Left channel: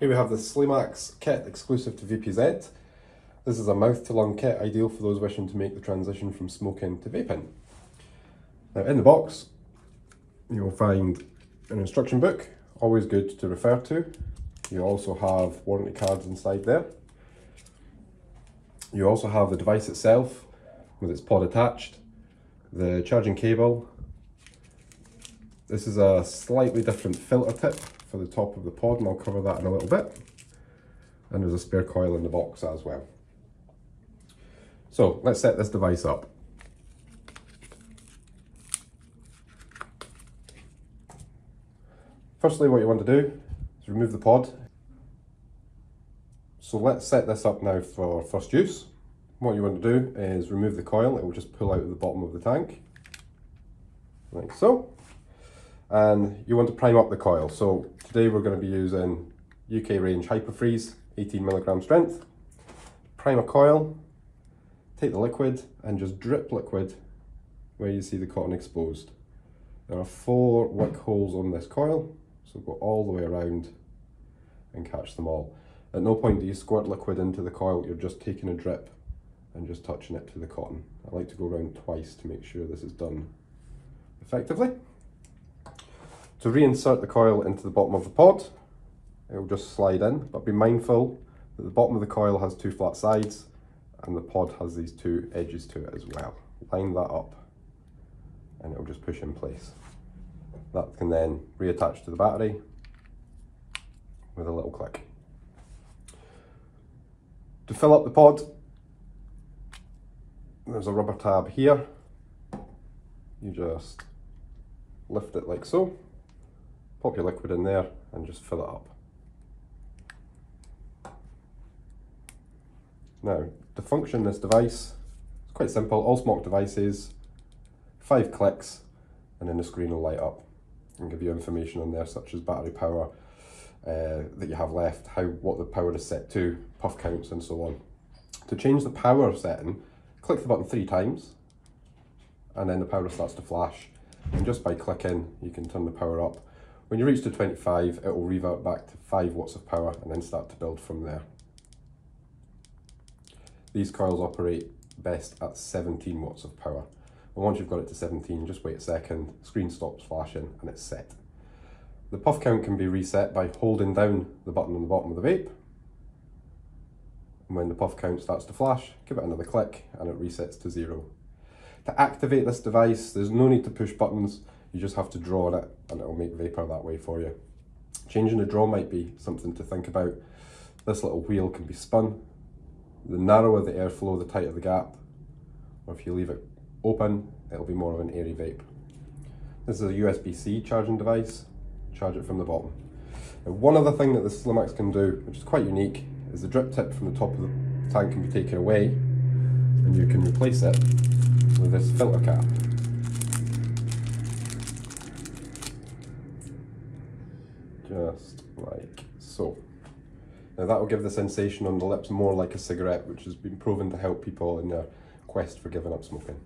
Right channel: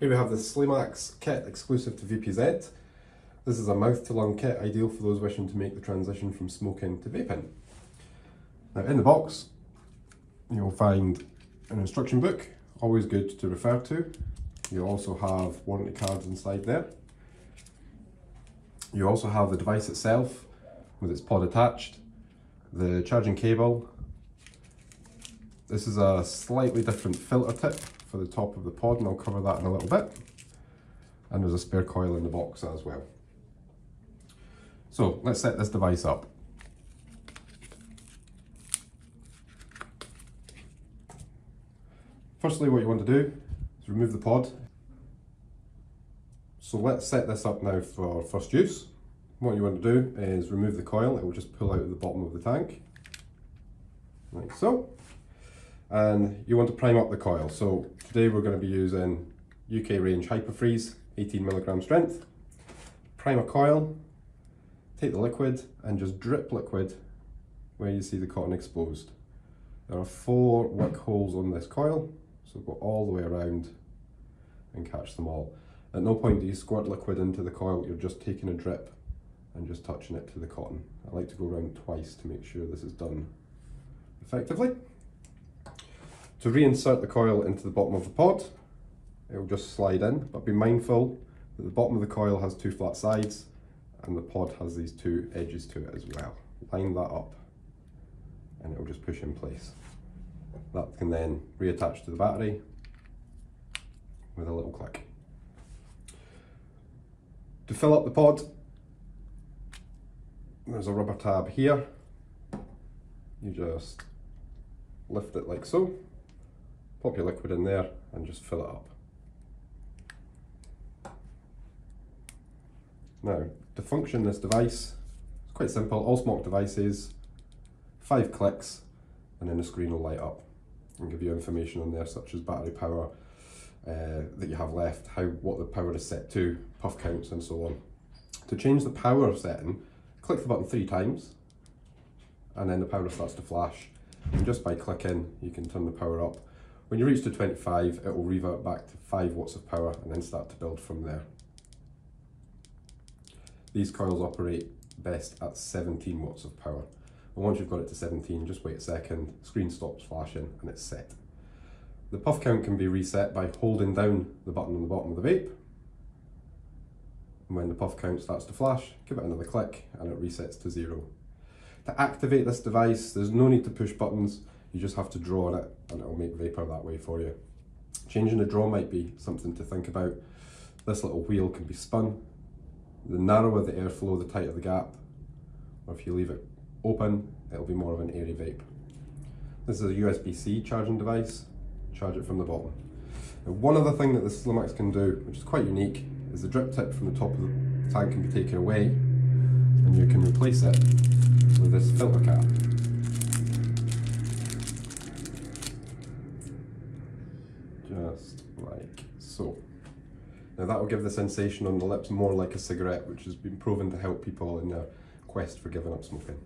Here we have the SLIMAX kit exclusive to VPZ. This is a mouth-to-lung kit, ideal for those wishing to make the transition from smoking to vaping. Now in the box, you'll find an instruction book, always good to refer to. You also have warranty cards inside there. You also have the device itself with its pod attached, the charging cable. This is a slightly different filter tip for the top of the pod, and I'll cover that in a little bit. And there's a spare coil in the box as well. So let's set this device up. Firstly, what you want to do is remove the pod. So let's set this up now for first use. What you want to do is remove the coil. It will just pull out of the bottom of the tank, like so. And you want to prime up the coil. So today we're going to be using UK range Hyperfreeze, 18mg strength. Prime a coil, take the liquid and just drip liquid where you see the cotton exposed. There are 4 wick holes on this coil, so go all the way around and catch them all. At no point do you squirt liquid into the coil, you're just taking a drip and just touching it to the cotton. I like to go around twice to make sure this is done effectively. To reinsert the coil into the bottom of the pod, it will just slide in, but be mindful that the bottom of the coil has 2 flat sides and the pod has these 2 edges to it as well. Line that up and it will just push in place. That can then reattach to the battery with a little click. To fill up the pod, there's a rubber tab here. You just lift it like so, pop your liquid in there and just fill it up. Now, to function this device, it's quite simple. All SMOK devices, 5 clicks and then the screen will light up and give you information on there such as battery power that you have left, what the power is set to, puff counts and so on. To change the power setting, click the button 3 times and then the power starts to flash, and just by clicking you can turn the power up. When you reach to 25 it will revert back to 5 watts of power and then start to build from there. These coils operate best at 17 watts of power. But once you've got it to 17, just wait a second, screen stops flashing and it's set. The puff count can be reset by holding down the button on the bottom of the vape. And when the puff count starts to flash, give it another click and it resets to 0. To activate this device, there's no need to push buttons, you just have to draw on it and it will make vapor that way for you. Changing the draw might be something to think about. This little wheel can be spun. The narrower the airflow, the tighter the gap, or if you leave it open, it'll be more of an airy vape. This is a USB-C charging device, charge it from the bottom. Now, one other thing that the SLIMAX can do, which is quite unique, is the drip tip from the top of the tank can be taken away and you can replace it with this filter cap. Just like so. Now that will give the sensation on the lips more like a cigarette, which has been proven to help people in their quest for giving up smoking.